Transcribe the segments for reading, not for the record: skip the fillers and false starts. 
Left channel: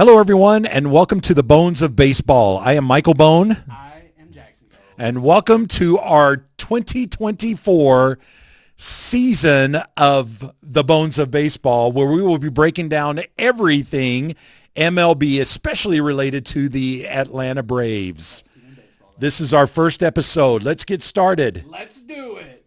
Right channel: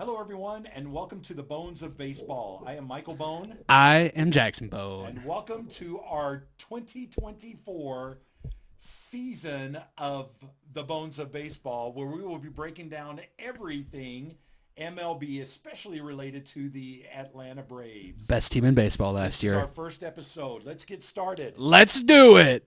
Hello, everyone, and welcome to the Bones of Baseball. I am Michael Bone. I am Jackson Bone. And welcome to our 2024 season of the Bones of Baseball, where we will be breaking down everything MLB, especially related to the Atlanta Braves. Best team in baseball last This is year. our first episode. Let's get started. Let's do it.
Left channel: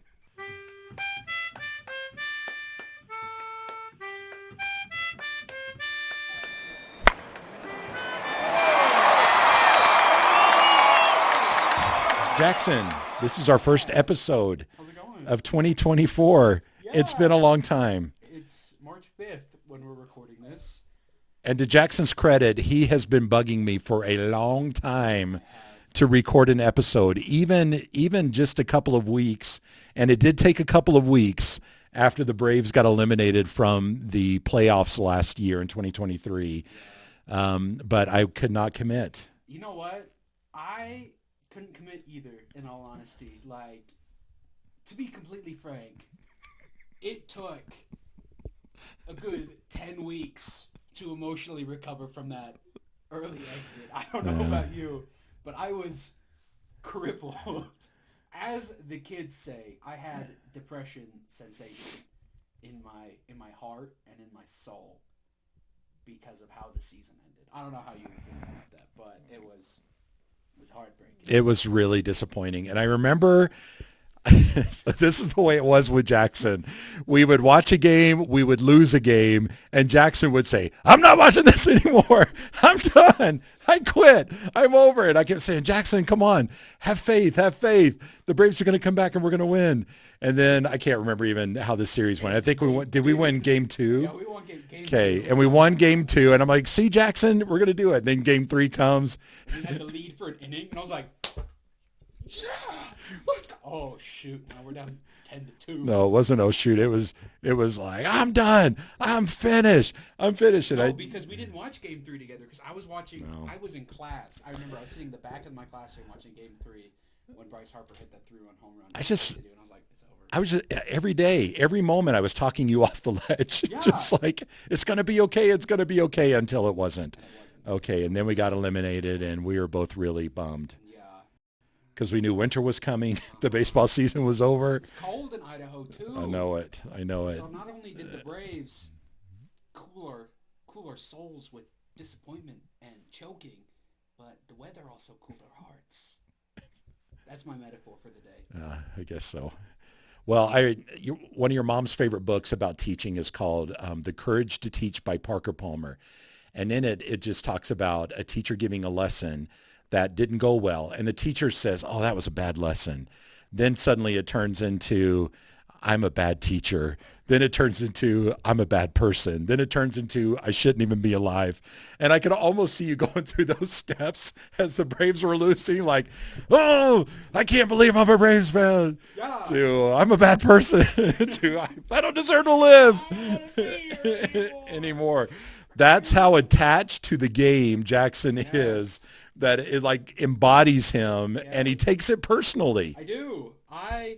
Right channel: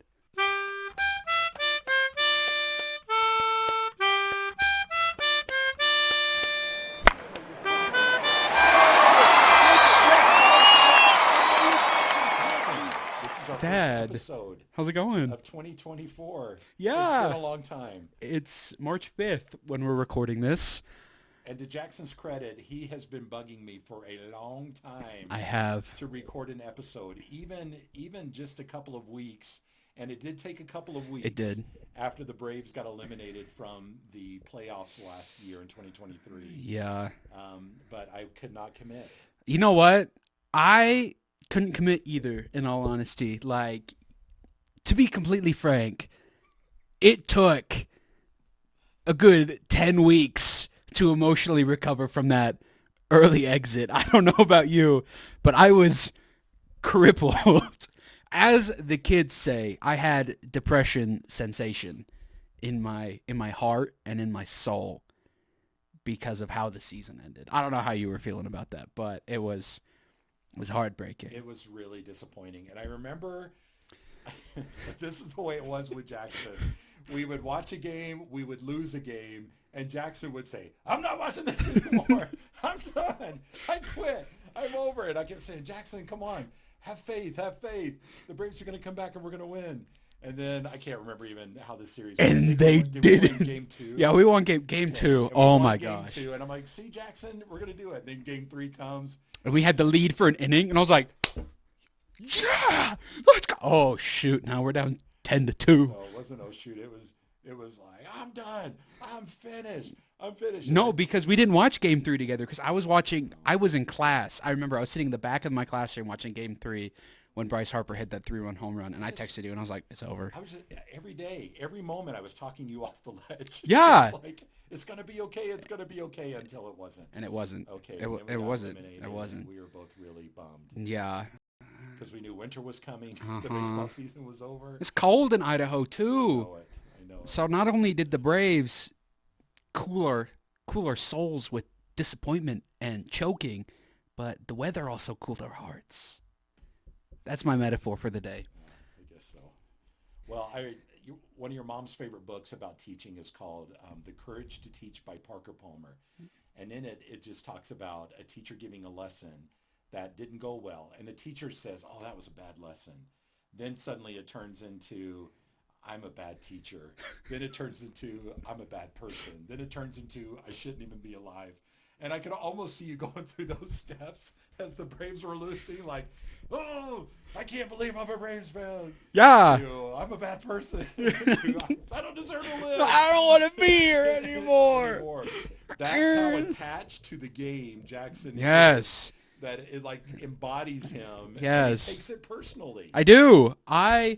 Jackson, this is our first Dad. episode How's it going? of 2024. Yeah. It's been a long time. It's March 5th when we're recording this. And to Jackson's credit, he has been bugging me for a long time I have. to record an episode, even just a couple of weeks. And it did take a couple of weeks after the Braves got eliminated from the playoffs last year in 2023. Yeah. But I could not commit. You know what? I couldn't commit either, in all honesty. Like, to be completely frank, it took a good 10 weeks to emotionally recover from that early exit. I don't know about you, but I was crippled. As the kids say, I had depression sensation in my heart and in my soul because of how the season ended. I don't know how you were feeling about that, but it was heartbreaking. It was really disappointing. And I remember this is the way it was with Jackson. We would watch a game, we would lose a game, and Jackson would say, "I'm not watching this anymore. I'm done. I quit. I'm over it." I kept saying, "Jackson, come on. Have faith. Have faith. The Braves are going to come back and we're going to win." And then I can't remember even how the series went. And I think we win game 2? Yeah, we won game Okay, 2. and we Oh won my game God. 2, and I'm like, "See, Jackson, we're going to do it." Then game 3 comes. And we had the lead for an inning, and I was like, yeah, let's go. Oh, shoot. Now we're down 10-2. No, it wasn't. Oh shoot! It was like, "I'm done. I'm finished. I'm finished." And No, because we didn't watch Game 3 together because I was watching I was in class. I remember I was sitting in the back of my classroom watching Game 3 when Bryce Harper hit that 3-run home run. And I texted you, and I was like, it's over. I was just, every day, every moment, I was talking you off the ledge. Yeah. Just like, it's going to be okay. It's going to be okay, until it wasn't. And it wasn't. Okay, and then we got eliminated, and we were both really bummed Yeah. because we knew winter was coming. The baseball season was over. It's cold in Idaho, too. I know it. So not only did the Braves cool our souls with disappointment and choking, but the weather also cooled our hearts. That's my metaphor for the day. I guess so. Well, one of your mom's favorite books about teaching is called The Courage to Teach by Parker Palmer. And in it just talks about a teacher giving a lesson that didn't go well. And the teacher says, "Oh, that was a bad lesson." Then suddenly it turns into, "I'm a bad teacher." Then it turns into, "I'm a bad person." Then it turns into, "I shouldn't even be alive." And I could almost see you going through those steps as the Braves were losing, like, "Oh, I can't believe I'm a Braves fan." Yeah. To, "I'm a bad person." To, I don't deserve to live. I don't want to be here anymore. That's how attached to the game Jackson is. That it like embodies him, and he takes it personally. I do. I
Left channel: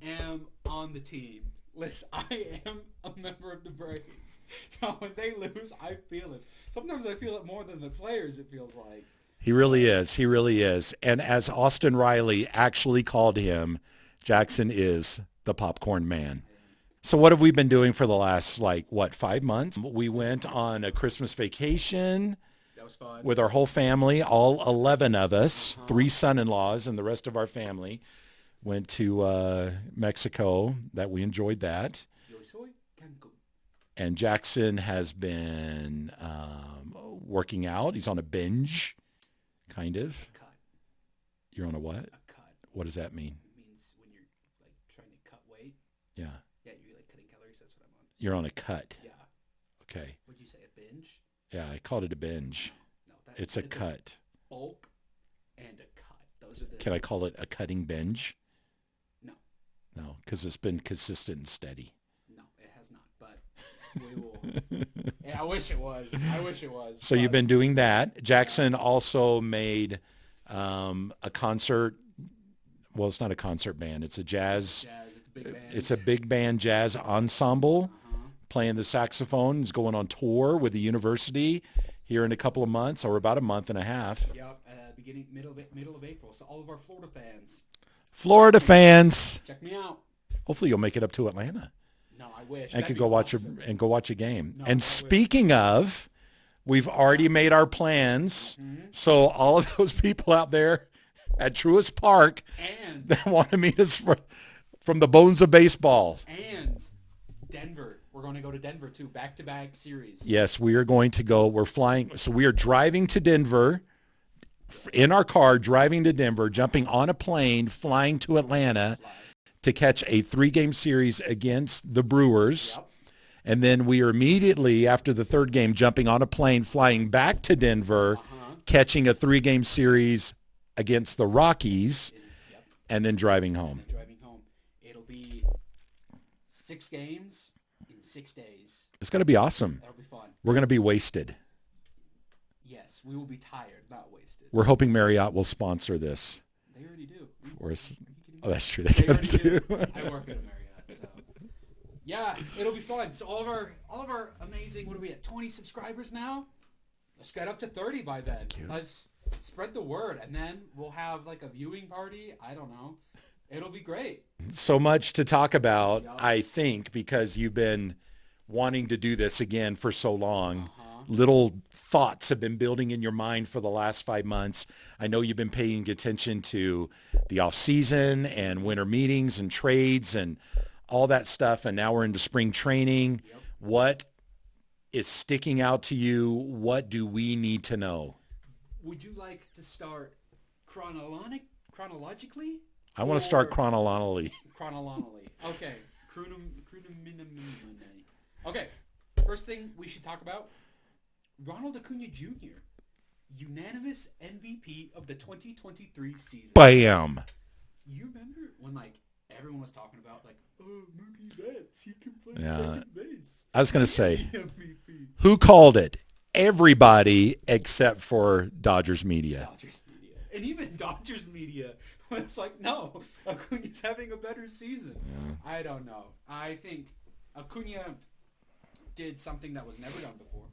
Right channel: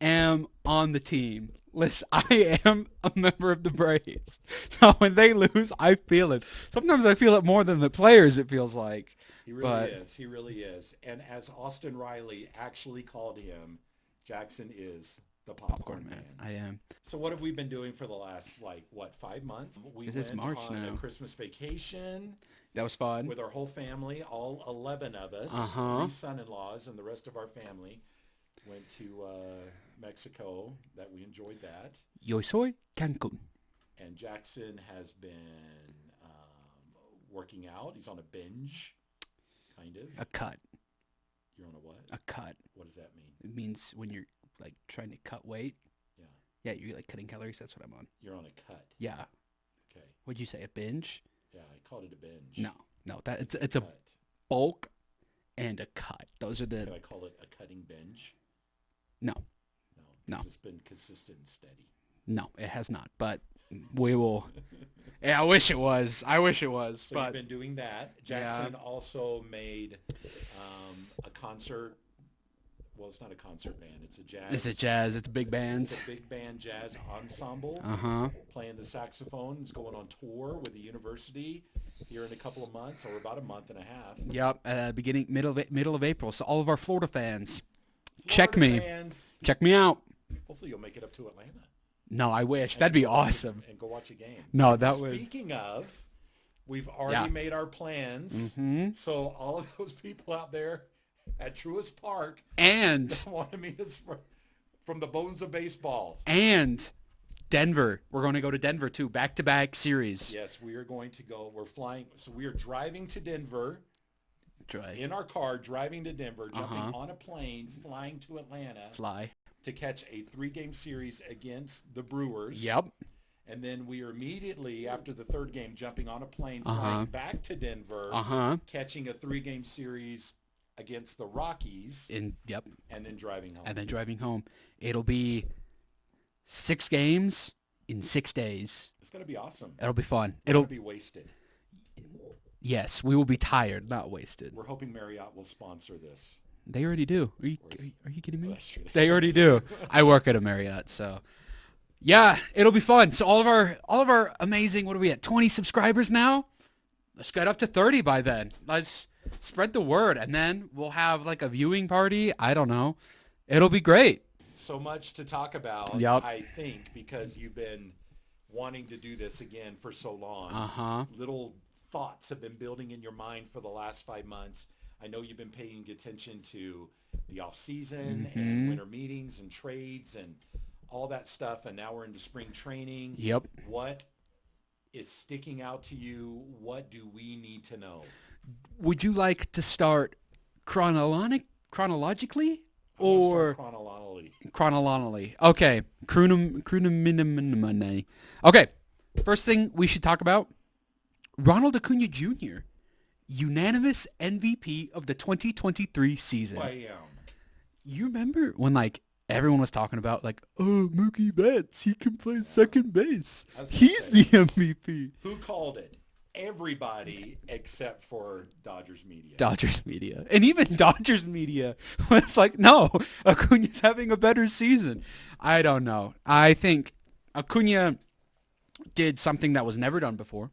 am on the team. Listen, I am a member of the Braves. So when they lose, I feel it. Sometimes I feel it more than the players, it feels like. He really is. He really is. And as Austin Riley actually called him, Jackson is the popcorn man. I am. So what have we been doing for the last, 5 months? We went March on now. a Christmas vacation That was fun. with our whole family, all 11 of us, 3 son-in-laws and the rest of our family. Went to Mexico. That we enjoyed that. Yo soy Cancun. And Jackson has been working out. He's on a binge, kind of. A cut. You're on a what? A cut. What does that mean? It means when you're like trying to cut weight. Yeah. Yeah, you're like cutting calories. That's what I'm on. You're on a cut. Yeah. Okay. What'd you say? A binge? Yeah, I called it a binge. No, It's a a cut. bulk and a cut. Those are the. Can I call it a cutting binge? No, No, because it's been consistent and steady. no, it has not. But we will. Yeah, I wish it was. So you've been doing that. Jackson also made a concert. Well, it's not a concert band. It's a jazz. It's a jazz. It's a big band. It's a big band jazz ensemble. Uh-huh. Playing the saxophone. He's going on tour with the university. here in a couple of months, or about a month and a half. Yep, middle of April. So all of our Florida fans, check me out. Hopefully you'll make it up to Atlanta. No, I wish. And That'd be go awesome. go watch a game. No, and speaking of, we've already made our plans. Mm-hmm. So all of those people out there at Truist Park and that want to meet us from the bones of baseball. And Denver. We're going to go to Denver too. Back-to-back series. Yes, we are going to go. We're flying. So we are driving to Denver. In our car, driving to Denver, jumping on a plane, flying to Atlanta to catch a 3-game series against the Brewers. Yep. And then we are immediately, after the 3rd game, jumping on a plane, flying back to Denver, catching a 3-game series against the Rockies, and then driving home. It'll be 6 games in 6 days. It's going to be awesome. It'll be fun. We're going to be wasted. Yes, we will be tired, not wasted. We're hoping Marriott will sponsor this. They already do. Are you kidding me? Oh, that's true. They already do. I work at a Marriott, so yeah, it'll be fun. So all of our amazing, what are we at, 20 subscribers now? Let's get up to 30 by then. Let's spread the word, and then we'll have like a viewing party. I don't know. It'll be great. So much to talk about, I think, because you've been wanting to do this again for so long. Little thoughts have been building in your mind for the last 5 months. I know you've been paying attention to the off season and winter meetings and trades and all that stuff. And now we're into spring training. Yep. What is sticking out to you? What do we need to know? Would you like to start chronologically? I want to start chronologically. Okay. Okay. First thing we should talk about, Ronald Acuna Jr., unanimous MVP of the 2023 season. Bam. You remember when everyone was talking about Mookie Betts, he can play second base. I was going to say, the MVP. Who called it? Everybody except for Dodgers media. And even Dodgers media was like, no, Acuna's having a better season. I don't know. I think Acuna did something that was never done before.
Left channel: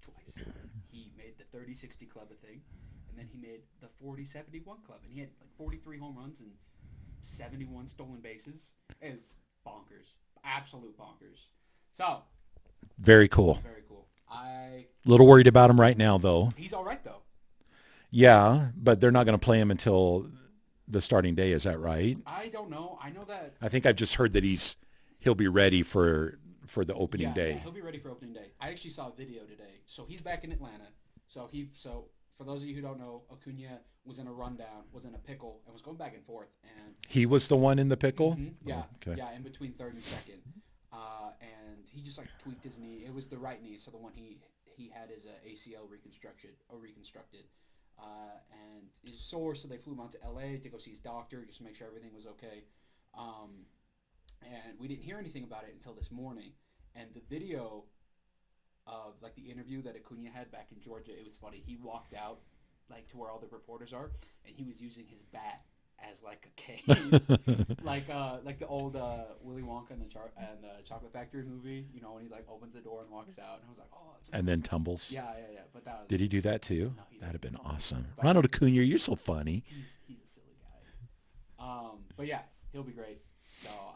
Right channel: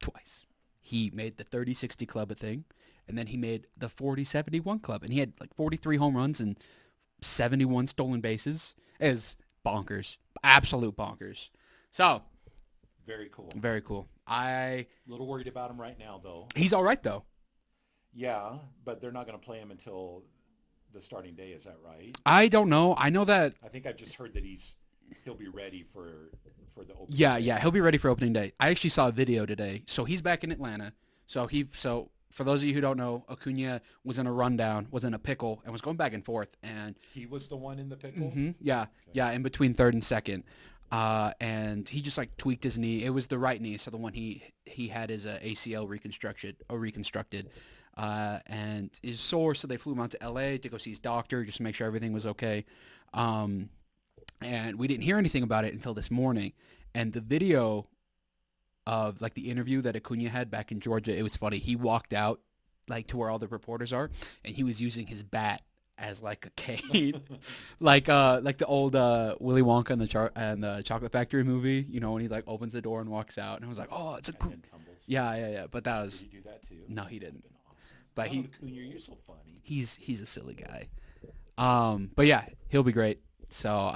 Twice. He made the 30-60 club a thing, and then he made the 40-71 club. And he had 43 home runs and 71 stolen bases. It is bonkers. Absolute bonkers. So. Very cool. A little worried about him right now, though. He's all right, though. Yeah, but they're not going to play him until the starting day. Is that right? I don't know. I know that. I think I've just heard that he'll be ready for the opening day. Yeah, he'll be ready for opening day. I actually saw a video today. So he's back in Atlanta. So for those of you who don't know, Acuna was in a rundown, was in a pickle, and was going back and forth. And he was the one in the pickle? Yeah. Okay. Yeah, in between third and second. And he just tweaked his knee. It was the right knee, so the one he had his ACL reconstructed, and is sore. So they flew him out to LA to go see his doctor just to make sure everything was okay. And we didn't hear anything about it until this morning. And the video of the interview that Acuna had back in Georgia, it was funny. He walked out to where all the reporters are, and he was using his bat as a cane, like the old Willy Wonka and the Chocolate Factory movie, when he opens the door and walks out, and I was like, oh, it's and then tumbles. Yeah. But that was. Did he do that too? No, he didn't. That'd have been awesome. But Ronald Acuna, you're so funny. He's a silly guy. But yeah, he'll be great. So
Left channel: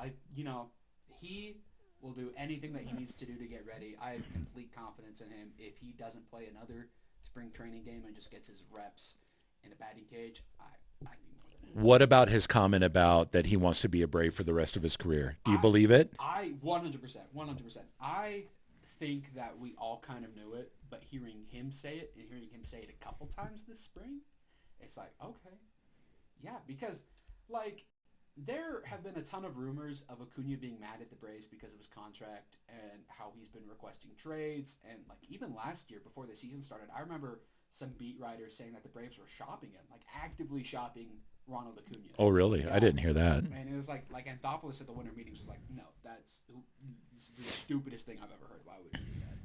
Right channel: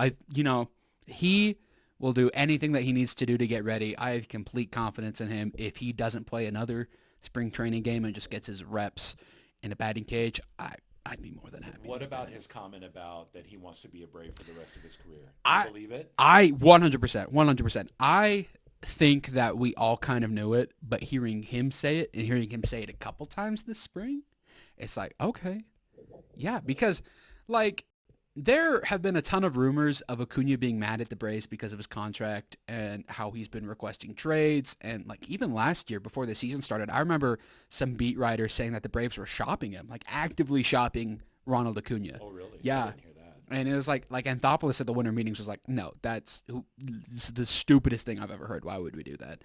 he will do anything that he needs to do to get ready. I have complete confidence in him. If he doesn't play another spring training game and just gets his reps in a batting cage, I'd be more than happy. What about his comment about that he wants to be a Brave for the rest of his career? Do you believe it? 100%. I think that we all kind of knew it, but hearing him say it and hearing him say it a couple times this spring, it's okay. Yeah, because there have been a ton of rumors of Acuna being mad at the Braves because of his contract and how he's been requesting trades. And even last year before the season started, I remember some beat writers saying that the Braves were shopping him, actively shopping Ronald Acuna. Oh, really? Yeah. I didn't hear that. And it was like Anthopoulos at the winter meetings was no, that's the stupidest thing I've ever heard. Why would we do that?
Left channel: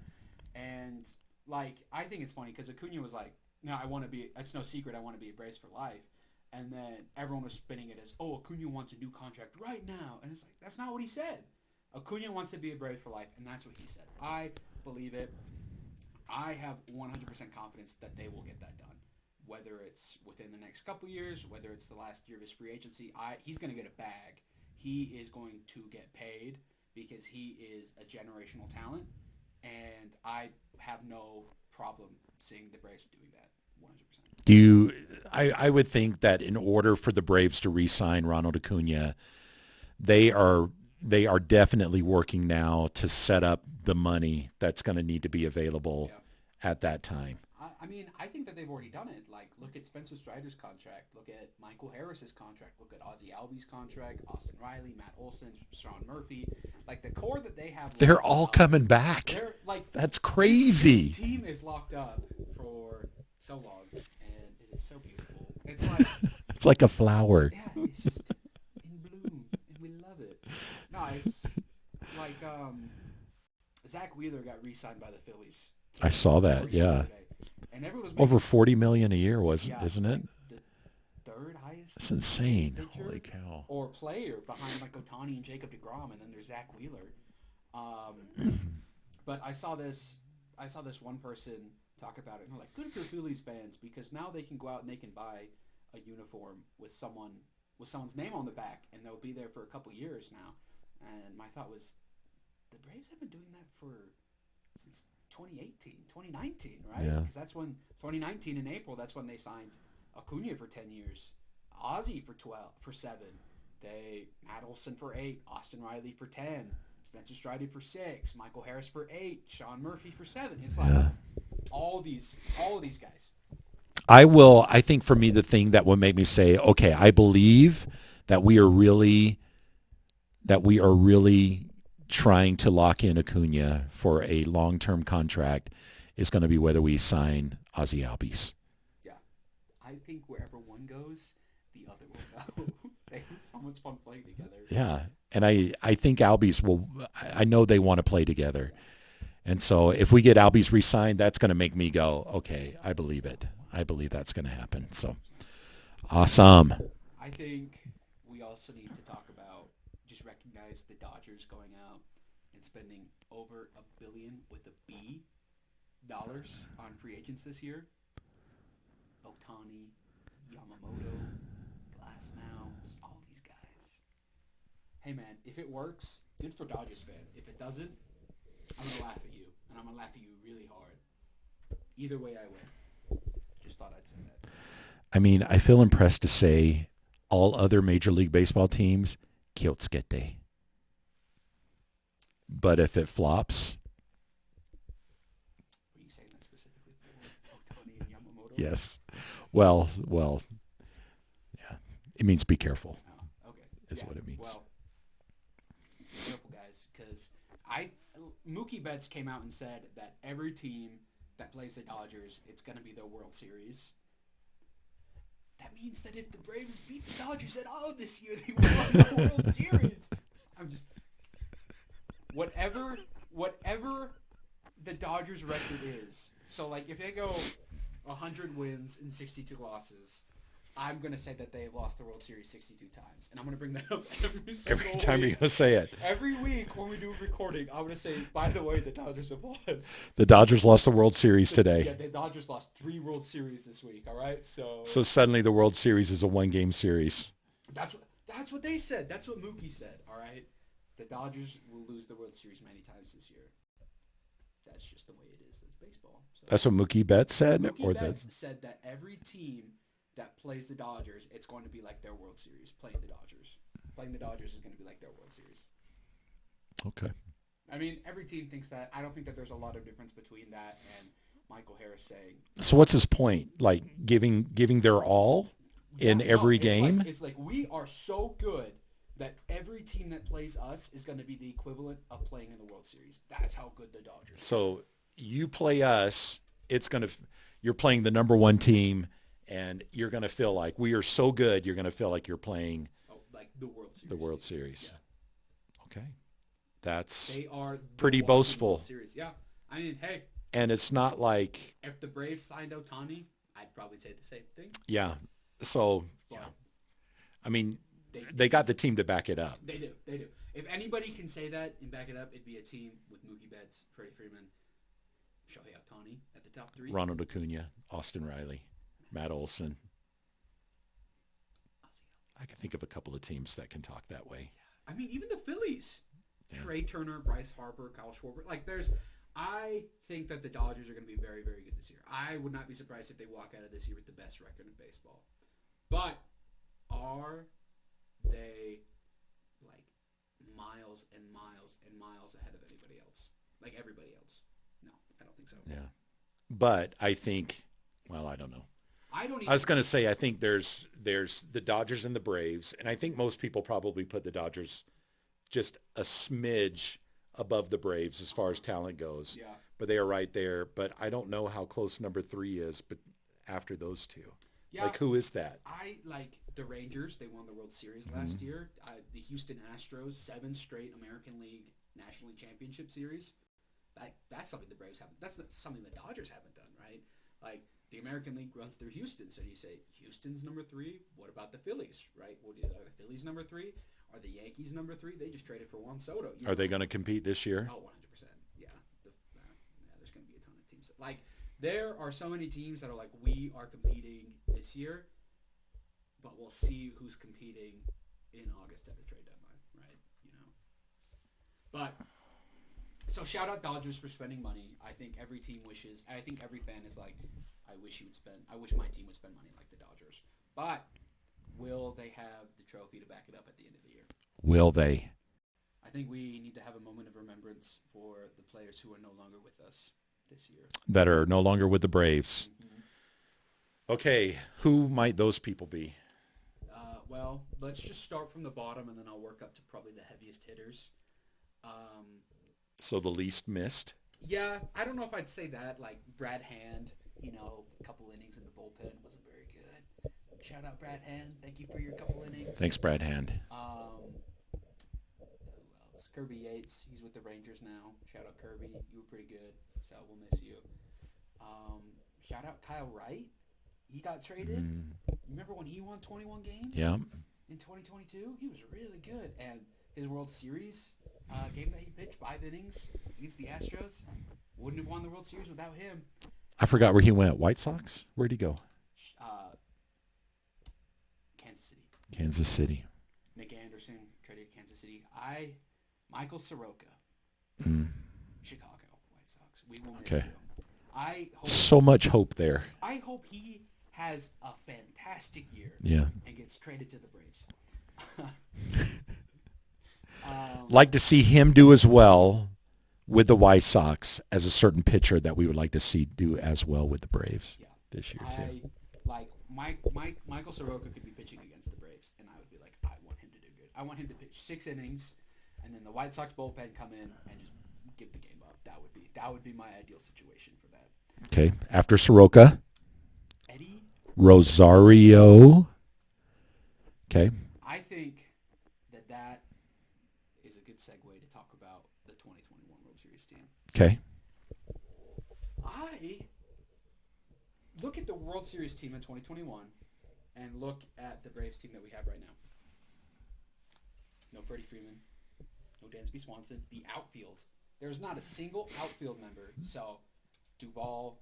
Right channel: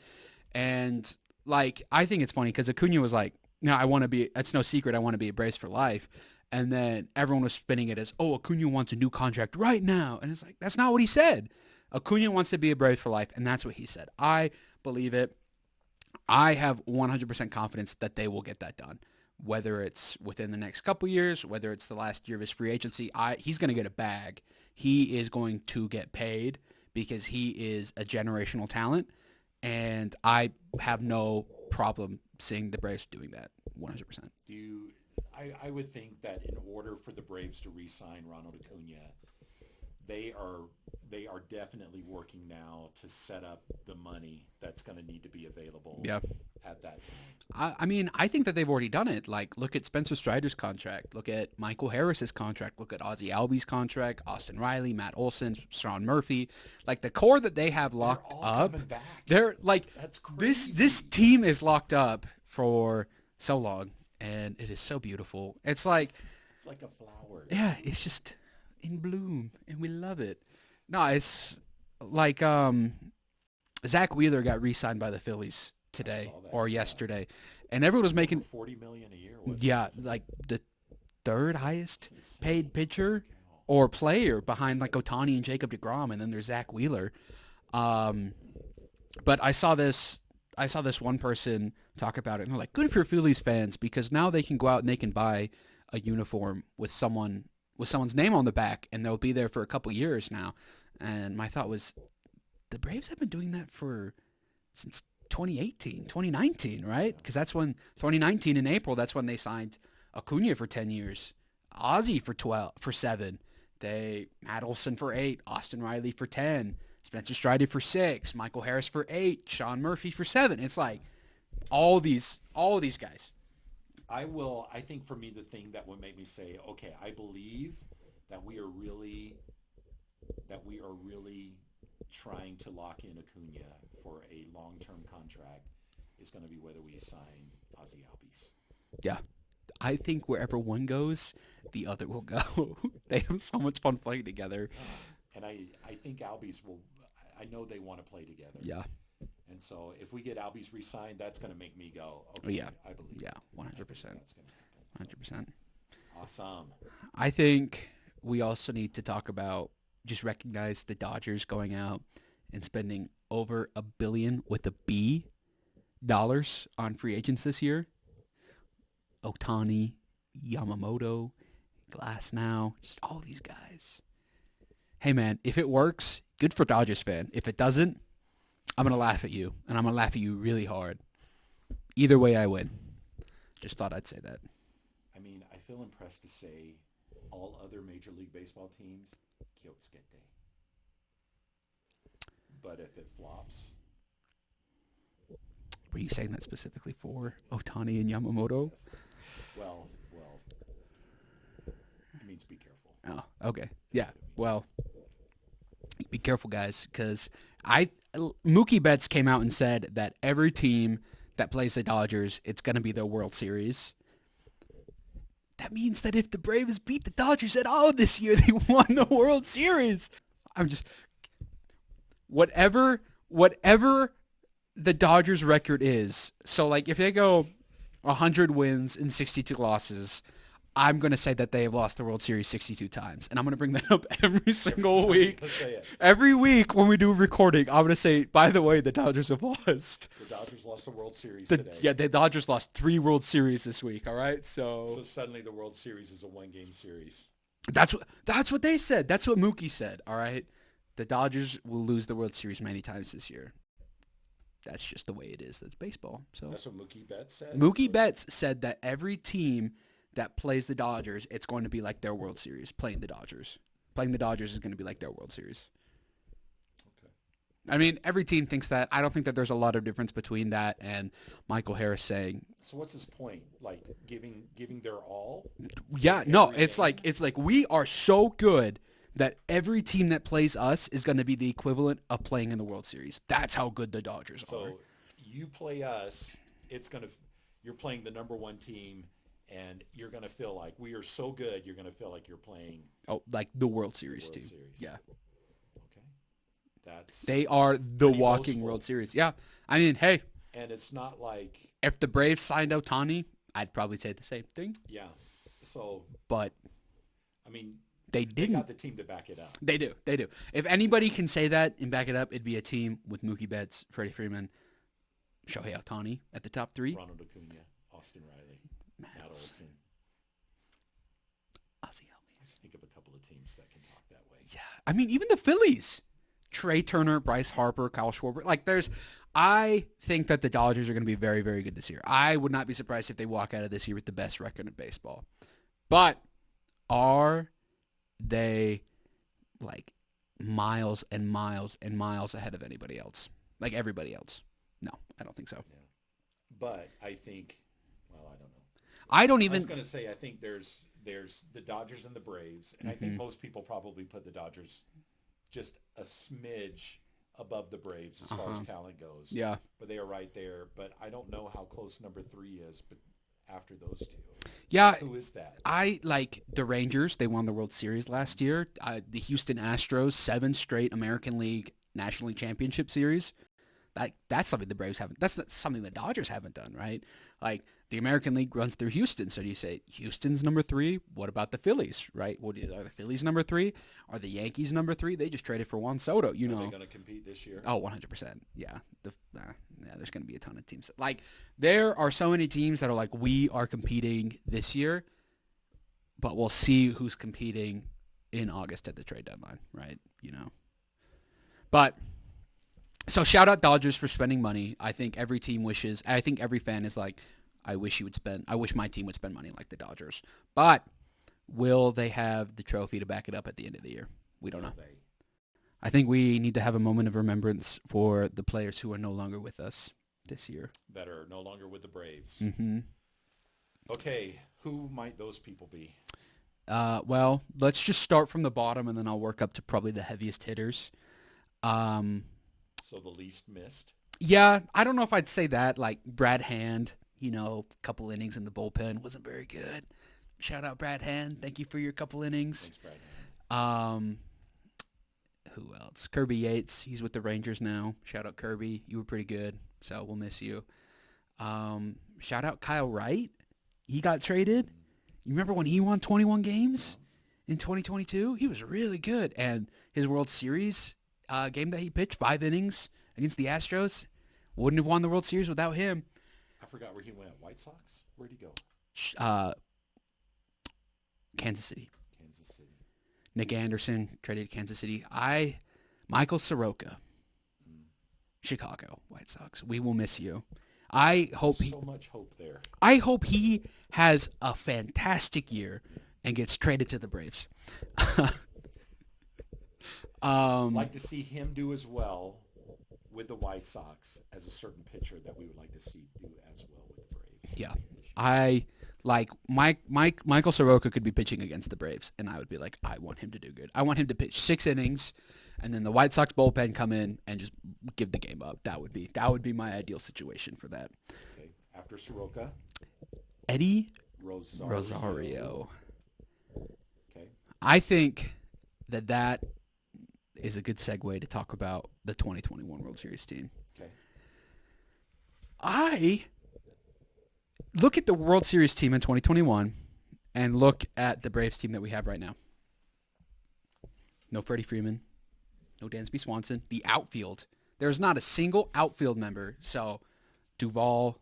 And I think it's funny because Acuna was no, I want to be, it's no secret, I want to be a Braves for life. And then everyone was spinning it as, Acuna wants a new contract right now. And it's that's not what he said. Acuna wants to be a Brave for life, and that's what he said. I believe it. I have 100% confidence that they will get that done. Whether it's within the next couple years, whether it's the last year of his free agency, he's going to get a bag. He is going to get paid because he is a generational talent, and I have no problem seeing the Braves doing that 100%. I would think that in order for the Braves to re-sign Ronald Acuna, they are definitely working now to set up the money that's going to need to be available at that time. I mean, I think that they've already done it. Like, look at Spencer Strider's contract. Look at Michael Harris's contract. Look at Ozzie Albies' contract, Austin Riley, Matt Olson, Sean Murphy. Like, the core that they have locked They're all coming back. They're like, that's crazy. This team is locked up for so long, and it is so beautiful. It's like it's like a flower. Yeah, it's just in bloom, and we love it. No, it's like Zach Wheeler got re-signed by the Phillies today. I saw that or yesterday, and everyone was making over $40 million a year. Wasn't like it? the third highest That's insane. paid pitcher or player behind like Ohtani and Jacob deGrom, and then there's Zach Wheeler. But I saw this one person talk about it, and they're like, good for Phillies fans because now they can go out and they can buy a uniform with someone's name on the back, and they'll be there for a couple years now. And my thought was, the Braves have been doing that since 2019, right? Because that's when 2019 in April, that's when they signed Acuna for 10 years, Ozzie for 7, Matt Olson for 8, Austin Riley for 10, Spencer Strider for 6, Michael Harris for 8, Sean Murphy for 7. It's like all these guys. I think for me, the thing that would make me say, okay, I believe that we are really trying to lock in Acuna for a long-term contract is going to be whether we sign Ozzie Albies. Yeah. I think wherever one goes, the other will go. They have so much fun playing together. Yeah. And I think Albies I know they want to play together. Yeah. And so if we get Albies re-signed, that's going to make me go, okay, I believe it. 100%. I believe that's going to happen. So 100%. Awesome. I think we also need to talk about, just recognize the Dodgers going out and spending over $1 billion with a B dollars on free agents this year. Ohtani, Yamamoto, Glasnow, just all these guys. Hey man, if it works, good for Dodgers fan. If it doesn't, I'm going to laugh at you, and I'm going to laugh at you really hard. Either way, I win. Just thought I'd say that. I mean, I feel impressed to say all other Major League Baseball teams, Kyotsukete. But if it flops... Were you saying that specifically for Ohtani and Yamamoto? Yes. Well, yeah. It means be careful. Oh, okay. Is Yeah. what it means. Well, be careful, guys, because Mookie Betts came out and said that every team that plays the Dodgers, it's going to be their World Series. That means that if the Braves beat the Dodgers at all this year, they won the World Series. I'm just... Whatever the Dodgers record is, so like if they go 100 wins and 62 losses, I'm going to say that they have lost the World Series 62 times. And I'm going to bring that up every single Every time week. you're gonna say it. Every week when we do recording, I'm going to say, by the way, the Dodgers have lost. The Dodgers lost the World Series today. Yeah, the Dodgers lost 3 World Series this week, all right? So suddenly the World Series is a one-game series. that's what they said. That's what Mookie said, all right? The Dodgers will lose the World Series many times this year. That's just the way it is. That's baseball. So That's what Mookie Betts said? Mookie Betts said that every team that plays the Dodgers, it's going to be like their World Series, playing the Dodgers. Playing the Dodgers is going to be like their World Series. Okay. I mean, every team thinks that. I don't think that there's a lot of difference between that and Michael Harris saying... So what's his point? Like giving their all in every game? It's like we are so good that every team that plays us is going to be the equivalent of playing in the World Series. That's how good the Dodgers are. So you play us, you're playing the number one team, and you're going to feel like we are so good, you're going to feel like you're playing... Oh, like the World Series. The World team. Series. Yeah. Okay. They are the pretty walking boastful. World Series. Yeah. I mean, hey. And it's not like... If the Braves signed Ohtani, I'd probably say the same thing. Yeah. So... But... I mean... They got the team to back it up. They do. If anybody can say that and back it up, it'd be a team with Mookie Betts, Freddie Freeman, Shohei Ohtani at the top 3. Ronald Acuna, Austin Riley, Matt Olson. I can think of a couple of teams that can talk that way. Yeah. I mean, even the Phillies. Trey Turner, Bryce Harper, Kyle Schwarber. Like, I think that the Dodgers are going to be very, very good this year. I would not be surprised if they walk out of this year with the best record in baseball. But are they, like, miles and miles and miles ahead of anybody else? Like, everybody else? No, I don't think so. Yeah. But I think, well, I don't know. I was going to say, I think there's the Dodgers and the Braves, and I think most people probably put the Dodgers just a smidge above the Braves as far as talent goes. Yeah. But they are right there. But I don't know how close number 3 is, but after those two. Yeah. Like, who is that? I like the Rangers. They won the World Series last year. The Houston Astros, 7 straight American League National League Championship Series. That's something the Braves haven't. That's something the Dodgers haven't done, right? Like, the American League runs through Houston. So do you say Houston's number 3? What about the Phillies, right? Are the Phillies number 3? Are the Yankees number 3? They just traded for Juan Soto. Are they going to compete this year? Oh, 100%. Yeah. There's going to be a ton of teams. Like, there are so many teams that are like, we are competing this year, but we'll see who's competing in August at the trade deadline, right? But so shout out Dodgers for spending money. I think every team wishes. I think every fan is like, I wish my team would spend money like the Dodgers. But will they have the trophy to back it up at the end of the year? Will they? I think we need to have a moment of remembrance for the players who are no longer with us this year. That are no longer with the Braves. Mm-hmm. Okay, who might those people be? Well, let's just start from the bottom, and then I'll work up to probably the heaviest hitters. So the least missed? Yeah, I don't know if I'd say that. Like Brad Hand, a couple innings in the bullpen wasn't very good. Shout out Brad Hand. Thank you for your couple innings. Thanks, Brad Hand. Who else? Kirby Yates. He's with the Rangers now. Shout out Kirby. You were pretty good, so we'll miss you. Shout out Kyle Wright. He got traded. You remember when he won 21 games? Yeah. In 2022? He was really good. And his World Series game that he pitched, 5 innings against the Astros, wouldn't have won the World Series without him. I forgot where he went. White Sox? Where'd he go? Kansas City. Kansas City. Nick Anderson traded to Kansas City. Michael Soroka. Chicago White Sox. We will miss you. I hope so much hope there. I hope he has a fantastic year. Yeah. And gets traded to the Braves. Like to see him do as well with the White Sox as a certain pitcher that we would like to see do as well with the Braves. Yeah. This year. I like Michael Soroka could be pitching against the Braves, and I would be like, I want him to do good. I want him to pitch 6 innings, and then the White Sox bullpen come in and just give the game up. That would be my ideal situation for that. Okay. After Soroka, Eddie Rosario. Okay. I think that is a good segue to talk about the 2021 World Series team. Okay. I look at the World Series team in 2021 and look at the Braves team that we have right now. No Freddie Freeman. No Dansby Swanson. The outfield. There's not a single outfield member. So Duvall,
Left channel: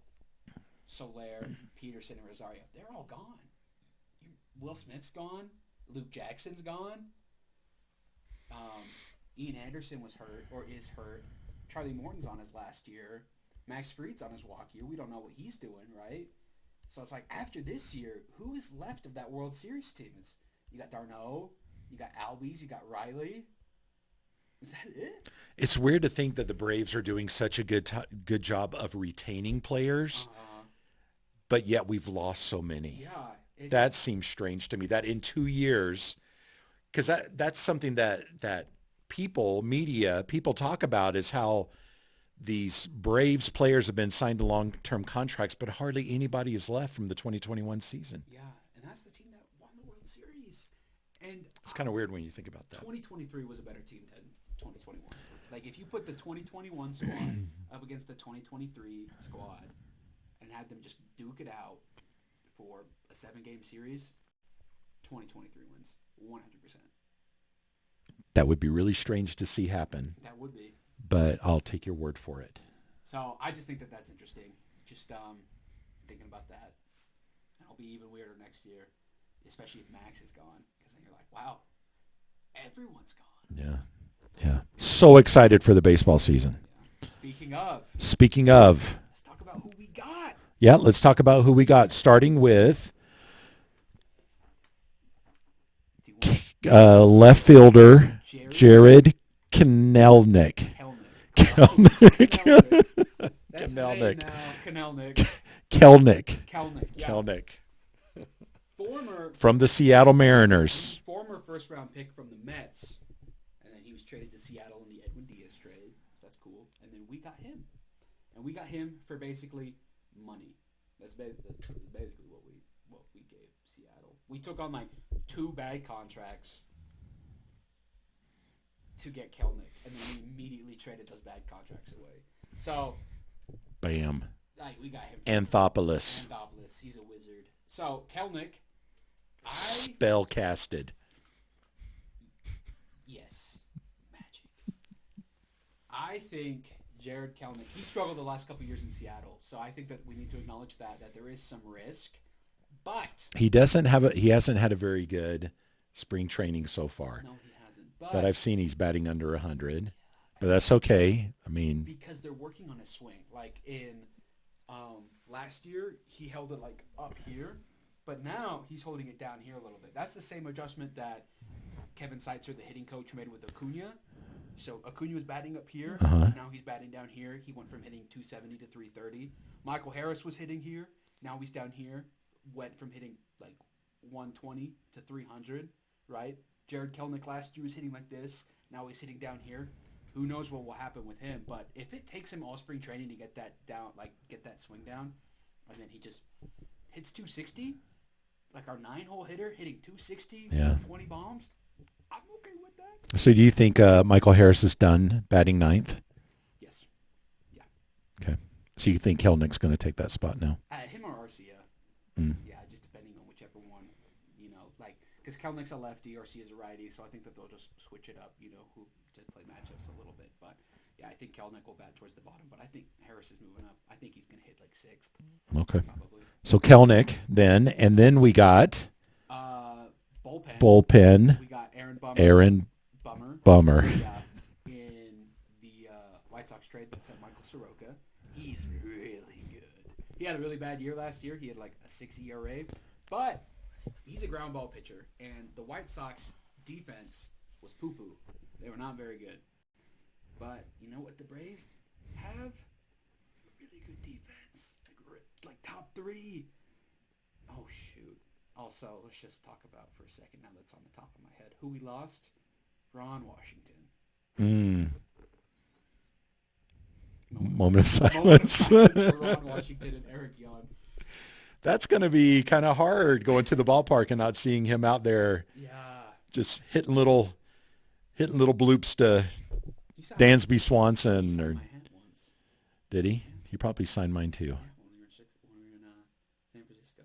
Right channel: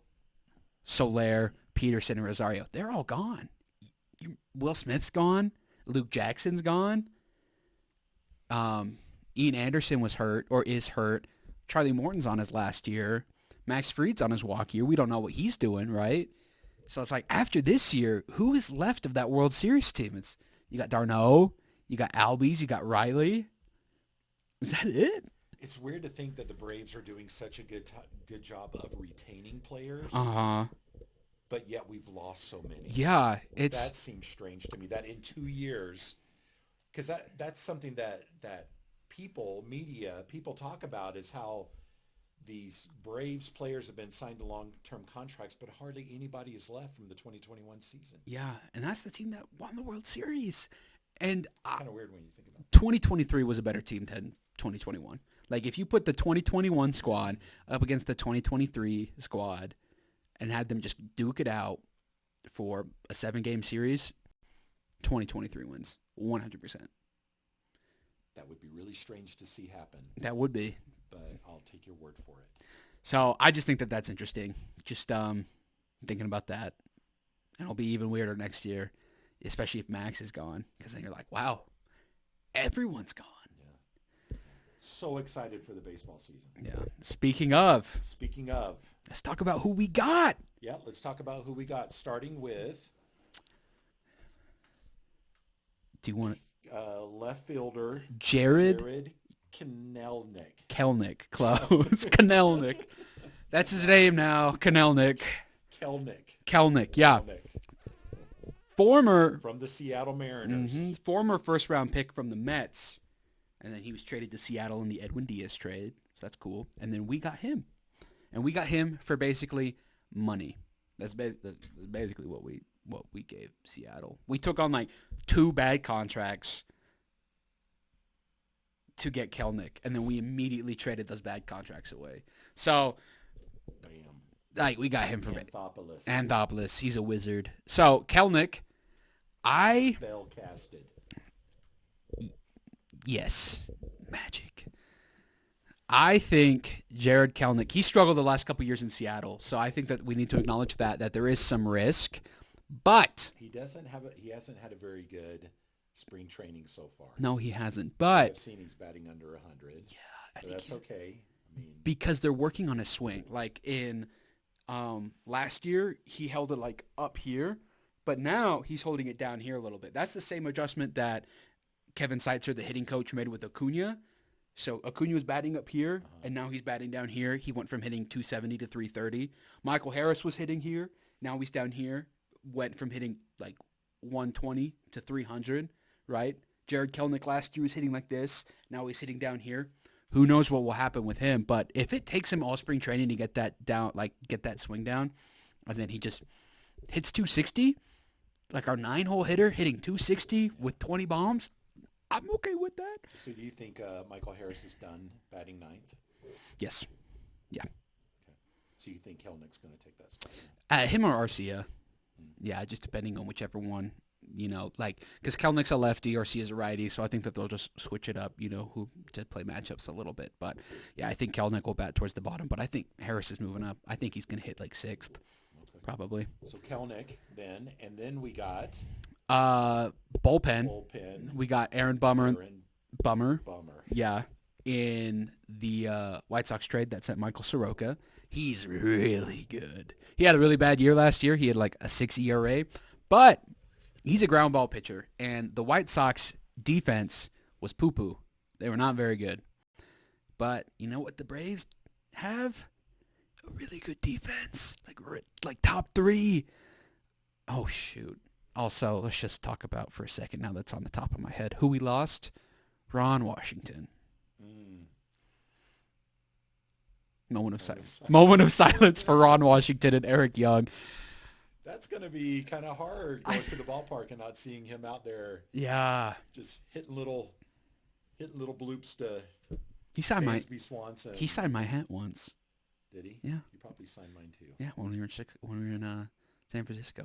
Soler, Peterson, and Rosario, they're all gone. Will Smith's gone. Luke Jackson's gone. Ian Anderson was hurt or is hurt. Charlie Morton's on his last year. Max Fried's on his walk year. We don't know what he's doing, right? So it's like after this year, who is left of that World Series team? You got d'Arnaud, you got Albies, you got Riley. Is that it? It's weird to think that the Braves are doing such a good job of retaining players. But yet we've lost so many. Yeah. That seems strange to me, that in 2 years, because that's something that people talk about is how these Braves players have been signed to long-term contracts, but hardly anybody is left from the 2021 season. Yeah, and that's the team that won the World Series. And it's kind of weird when you think about that. 2023 was a better team than 2021. Like, if you put the 2021 squad up against the 2023 squad and had them just duke it out for a 7-game series, 2023 wins 100%. That would be really strange to see happen. That would be. But I'll take your word for it. So I just think that that's interesting. Just thinking about that. And it'll be even weirder next year, especially if Max is gone. Because then you're like, wow, everyone's gone. Yeah. So excited for the baseball season. Yeah. Speaking of, let's talk about who we got. Yeah, let's talk about who we got, starting with Do you want left fielder Jared Kelenic. Kelnick? Kelnick. That's his name now. Kelnick. Yeah. Kelnick. Former From the Seattle Mariners. Former first-round pick from the Mets. And then he was traded to Seattle in the Edwin Diaz trade. So that's cool. And then we got him. And we got him for basically money. That's basically what we gave Seattle. We took on like 2 bad contracts to get Kelnick, and then we immediately traded those bad contracts away. So, Bam. like, we got him. Anthopoulos. He's a wizard. So Kelnick, spell casted. Yes, magic. I think Jared Kelnick, he struggled the last couple years in Seattle, so I think that we need to acknowledge that there is some risk, but he hasn't had a very good spring training so far. No, he hasn't. But I've seen he's batting under 100. Yeah, but that's okay. I mean, because they're working on his swing. Like in last year, he held it like up here, but now he's holding it down here a little bit. That's the same adjustment that Kevin Seitzer, the hitting coach, made with Acuna. So Acuna was batting up here, and now he's batting down here. He went from hitting 270 to 330. Michael Harris was hitting here. Now he's down here. Went from hitting like 120 to 300, right? Jared Kelnick last year was hitting like this. Now he's hitting down here. Who knows what will happen with him? But if it takes him all spring training to get that down, like get that swing down, and then he just hits 260, like our 9-hole hitter hitting 260 with 20 bombs, I'm okay with that. So do you think Michael Harris is done batting 9th? Yes. Yeah. Okay. So you think Kelnick's going to take that spot now? Him or Arcia. Yeah, just depending on whichever one, like, because Kelnick's a lefty, Arcia's a righty, so I think that they'll just switch it up, who to play matchups a little bit. But, yeah, I think Kelnick will bat towards the bottom, but I think Harris is moving up. I think he's going to hit like 6th. Okay. Probably. So Kelnick then, and then we got... Bullpen. We got Aaron Bummer. Yeah. In the White Sox trade that sent Michael Soroka. He's really good. He had a really bad year last year. He had like a 6 ERA. But he's a ground ball pitcher. And the White Sox defense was poo-poo. They were not very good. But you know what the Braves have? A really good defense. Like top 3. Oh, shoot. Also, let's just talk about for a second now that's on the top of my head. Who we lost? Ron Washington. Moment of silence for Ron Washington and Eric Young. That's going to be kind of hard going to the ballpark and not seeing him out there. Yeah. Just hitting little bloops to Dansby Swanson. He signed my hat once. Did he? Yeah. He probably signed mine too. Yeah, when we were in San Francisco.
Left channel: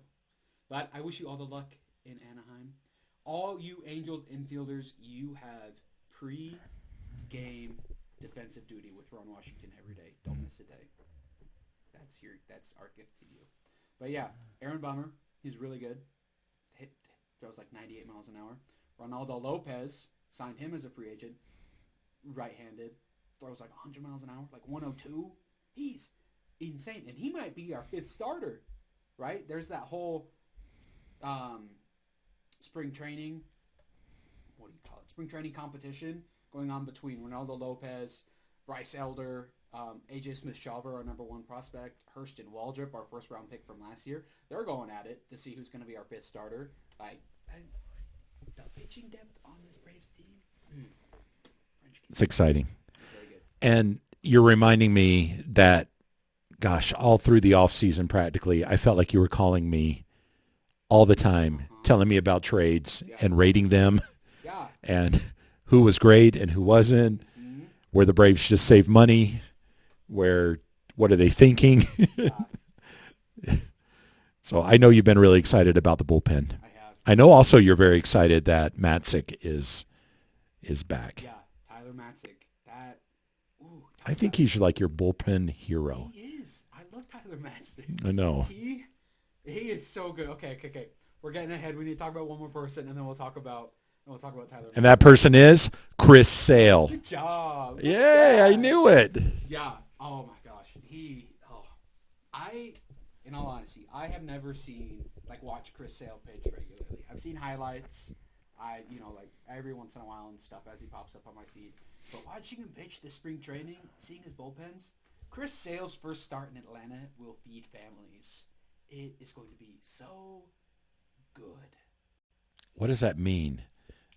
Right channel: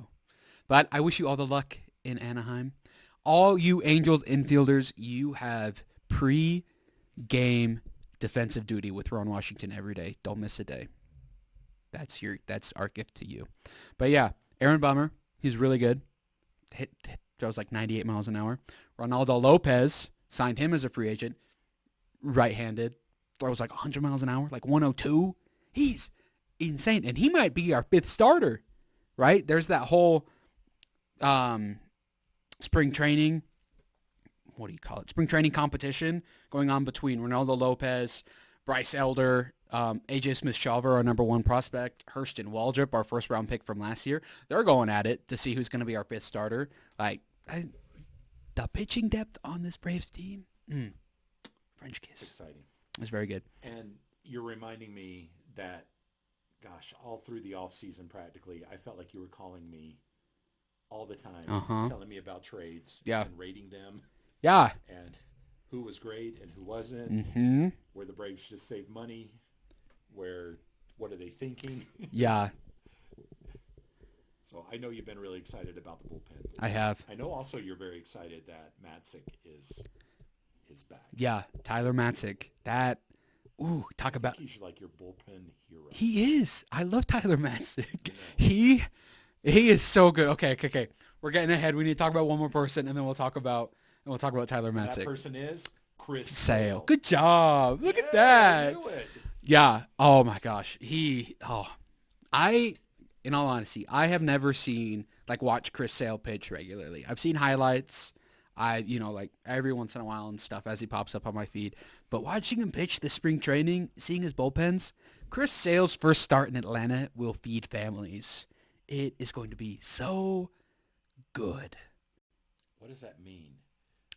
But I wish you all the luck in Anaheim. All you Angels infielders, you have pre-game defensive duty with Ron Washington every day. Don't miss a day. That's our gift to you. But yeah, Aaron Bummer, he's really good. Throws like 98 miles an hour. Ronaldo Lopez, signed him as a free agent. Right-handed, throws like 100 miles an hour, like 102. He's insane, and he might be our 5th starter, right? There's that whole spring training, what do you call it? Spring training competition going on between Ronaldo Lopez, Bryce Elder, AJ Smith-Shawver, our number 1 prospect, Hurston Waldrop, our first-round pick from last year. They're going at it to see who's going to be our 5th starter. The pitching depth on this Braves team, French kiss. It's exciting. It's very good. And you're reminding me that, gosh, all through the offseason practically, I felt like you were calling me all the time, telling me about trades and rating them. Yeah. And who was great and who wasn't, where the Braves just saved money, what are they thinking? Yeah. So I know you've been really excited about the bullpen. I have. I know also you're very excited that Matzik is back. Yeah, Tyler Matzik. That Ooh, I think he's like your bullpen hero. He is. I love Tyler Matzik. I know. He is so good. Okay. We're getting ahead. We need to talk about one more person, and then we'll talk about Tyler Matzik. And that person is Chris Sale. Good job. Look at Yeah, that. I knew it. Yeah. Oh my gosh. In all honesty, I have never watch Chris Sale pitch regularly. I've seen highlights. Like every once in a while and stuff as he pops up on my feed. But watching him pitch this spring training, seeing his bullpens, Chris Sale's first start in Atlanta will feed families. It is going to be so good. What does that mean?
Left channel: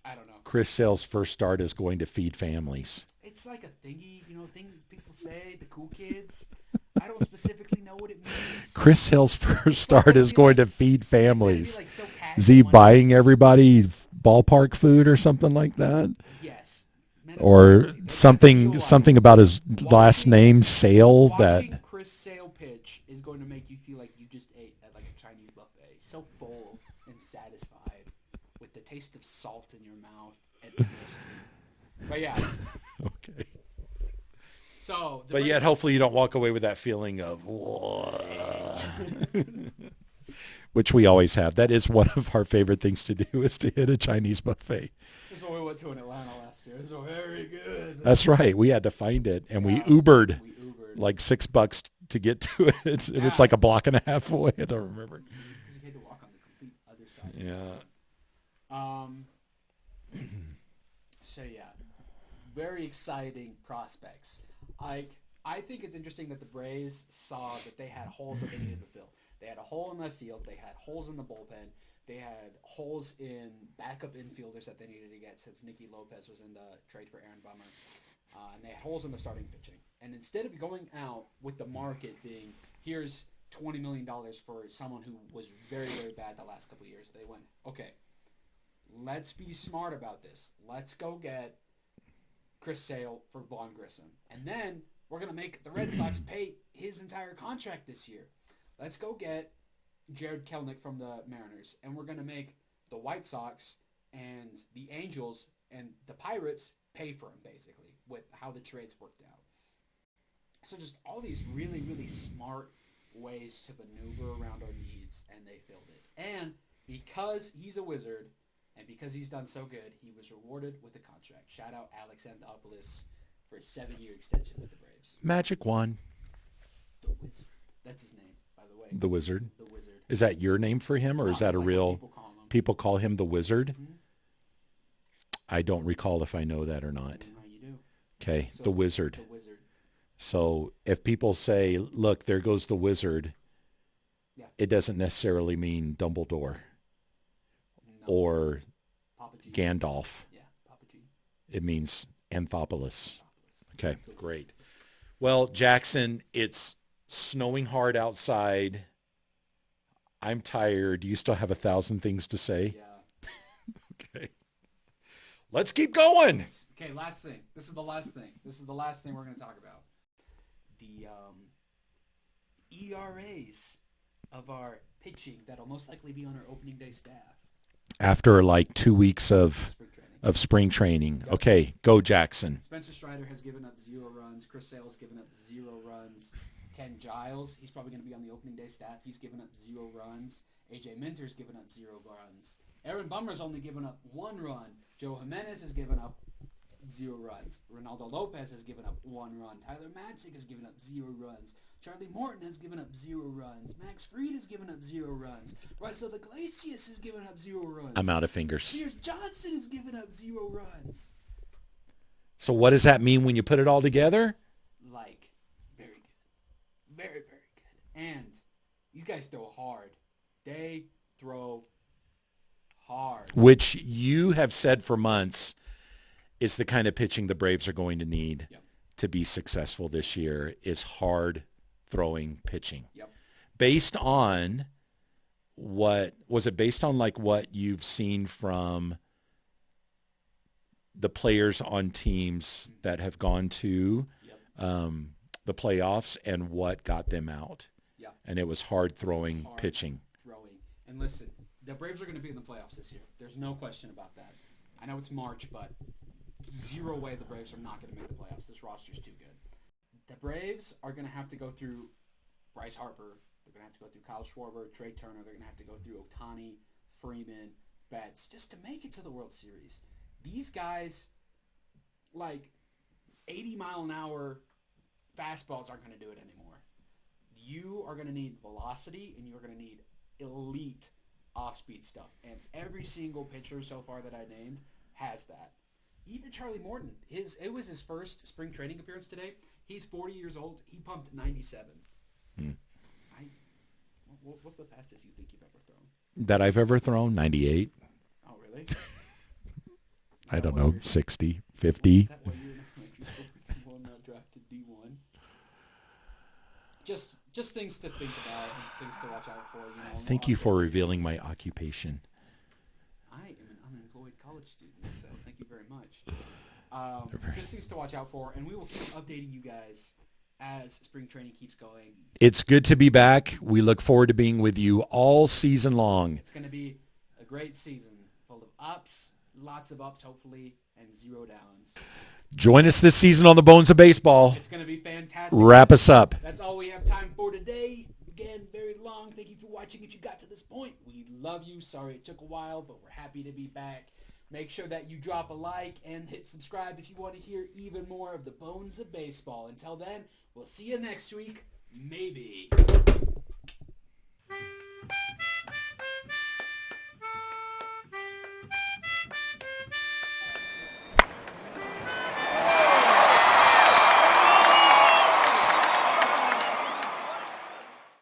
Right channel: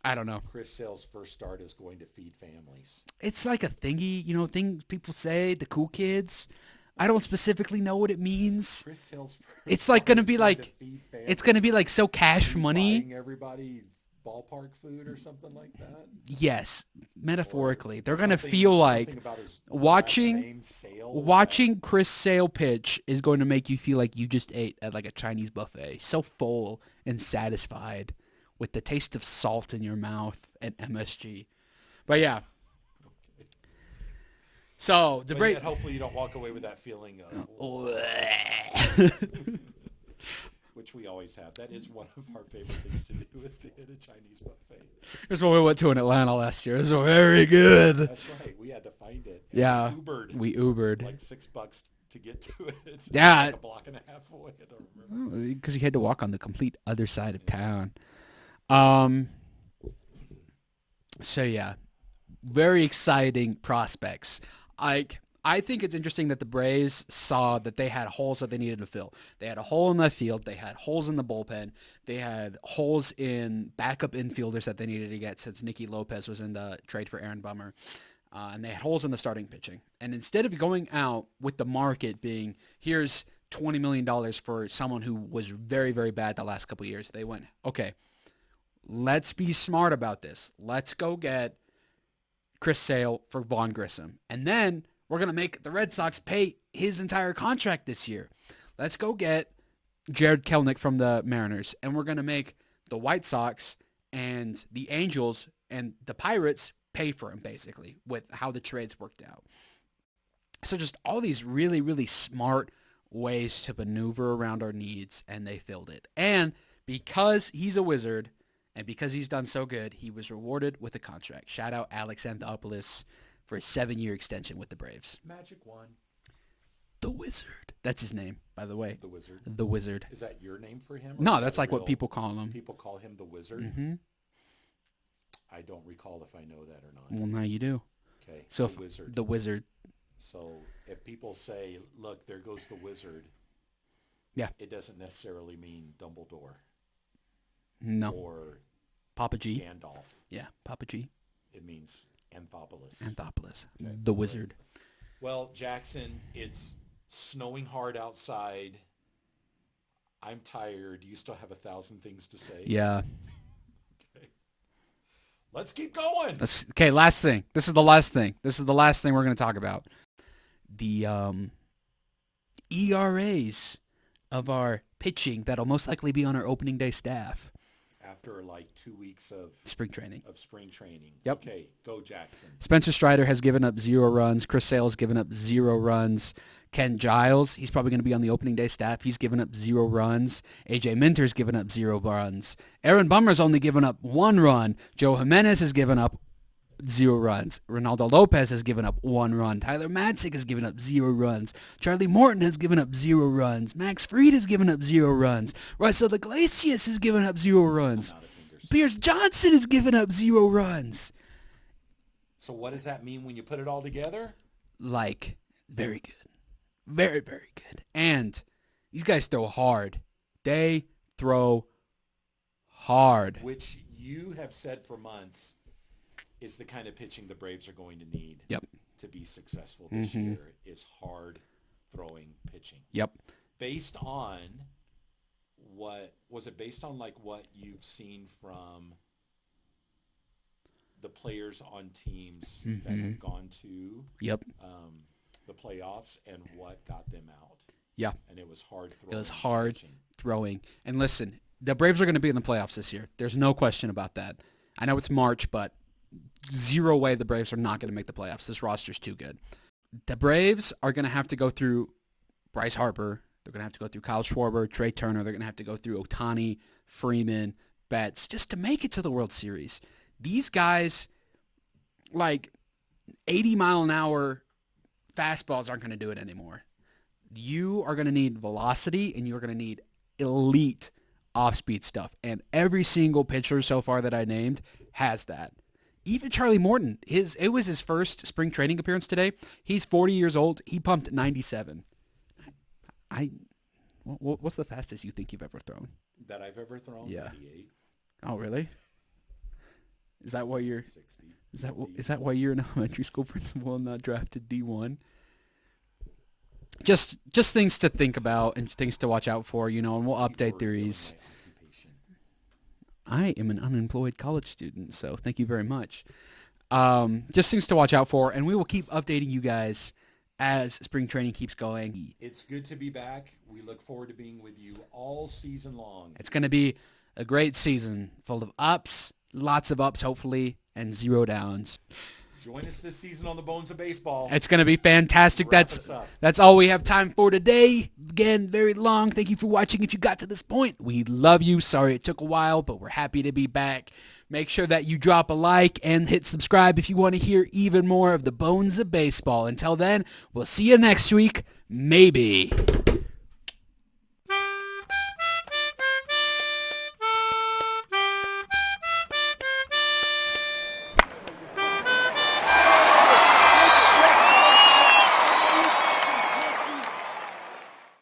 I don't know. Chris Sale's first start is going to feed families. It's like a thingy, things people say, the cool kids. I don't specifically know what it means. Chris Sale's first start is going to feed families. It's going to be like so casual. Is he buying everybody ballpark food or something like that? Yes. Or something about his last name, Sale. Watching Chris Sale pitch is going to make you feel like you just ate at like a Chinese buffet. So full and satisfied with the taste of salt in your mouth at MSG. But yeah. Okay. So, yet hopefully you don't walk away with that feeling of which we always have. That is one of our favorite things to do, is to hit a Chinese buffet. That's what we went to in Atlanta last year. It was very good. That's right. We had to find it. And yeah, we Ubered. Like $6 to get to it. Yeah. It's like a block and a half away. I don't remember. Because you had to walk on the complete other side of town. So, yeah. Very exciting prospects. I think it's interesting that the Braves saw that they had holes that they needed to fill. They had a hole in left field. They had holes in the bullpen. They had holes in backup infielders that they needed to get since Nicky Lopez was in the trade for Aaron Bummer. And they had holes in the starting pitching. And instead of going out with the market being, here's $20 million for someone who was very, very bad the last couple of years, they went, okay, let's be smart about this. Let's go get Chris Sale for Vaughn Grissom. And then we're going to make the Red Sox pay his entire contract this year. Let's go get Jared Kelenic from the Mariners. And we're going to make the White Sox and the Angels and the Pirates pay for him, basically, with how the trades worked out. So just all these really, really smart ways to maneuver around our needs, and they filled it. And because he's a wizard and because he's done so good, he was rewarded with a contract. Shout out Alex Anthopoulos for a 7-year extension with the Braves. Magic Wand. The Wizard. That's his name, by the way. The Wizard? The Wizard. Is that your name for him? Or no, is that that's like real? what people call him. People call him the Wizard? Mm-hmm. I don't recall if I know that or not. Well, now you do. Okay, So the Wizard. The Wizard. So if people say, look, there goes the Wizard, yeah, it doesn't necessarily mean Dumbledore. No. Or Papa G. Gandalf. Yeah, Papa G. It means Anthopoulos. Anthopoulos. Okay. The Wizard. Great. Well, Jackson, it's snowing hard outside. I'm tired. You still have 1,000 things to say? Yeah. Okay. Let's keep going. Okay, last thing. This is the last thing. This is the last thing we're going to talk about. The ERAs of our pitching that'll most likely be on our opening day staff. After like 2 weeks of spring training. Yep. Okay, go Jackson. Spencer Strider has given up 0 runs. Chris Sale has given up 0 runs. Ken Giles, he's probably going to be on the opening day staff. He's given up 0 runs. AJ Minter's given up 0 runs. Aaron Bummer's only given up 1 run. Joe Jimenez has given up 0 runs. Ronaldo Lopez has given up 1 run. Tyler Matzik has given up 0 runs. Charlie Morton has given up 0 runs. Max Fried has given up 0 runs. Russell Iglesias has given up 0 runs. I'm out of fingers. Pierce Johnson has given up 0 runs. So what does that mean when you put it all together? Like, very good. Very, very good. And these guys throw hard. They throw hard. Which you have said for months is the kind of pitching the Braves are going to need to be successful this year, is hard throwing pitching. Yep. Based on what you've seen from the players on teams that have gone to the playoffs and what got them out. Yeah. And it was hard throwing pitching. And listen, the Braves are going to be in the playoffs this year. There's no question about that. I know it's March, but zero way the Braves are not going to make the playoffs. This roster's too good. The Braves are going to have to go through Bryce Harper. They're going to have to go through Kyle Schwarber, Trey Turner. They're going to have to go through Ohtani, Freeman, Betts, just to make it to the World Series. These guys, like 80-mile-an-hour fastballs aren't going to do it anymore. You are going to need velocity, and you're going to need elite off-speed stuff. And every single pitcher so far that I named has that. Even Charlie Morton, it was his first spring training appearance today. He's 40 years old. He pumped 97. What's the fastest you think you've ever thrown? That I've ever thrown? Yeah. 98. Oh, really? Is I that don't why know, you're 60, 50. Is that why you're an elementary school principal and not drafted D1? Just things to think about and things to watch out for, and we'll update Thank you for theories. revealing my occupation. I am an unemployed college student, so thank you very much. Just things to watch out for, and we will keep updating you guys as spring training keeps going. It's good to be back. We look forward to being with you all season long. It's going to be a great season full of ups, lots of ups hopefully, and 0 downs. Join us this season on the Bones of Baseball. It's going to be fantastic. Wrap us up. That's all we have time for today. Again, very long. Thank you for watching. If you got to this point, we love you. Sorry it took a while, but we're happy to be back. Make sure that you drop a like and hit subscribe if you want to hear even more of the Bones of Baseball. Until then, we'll see you next week. Maybe.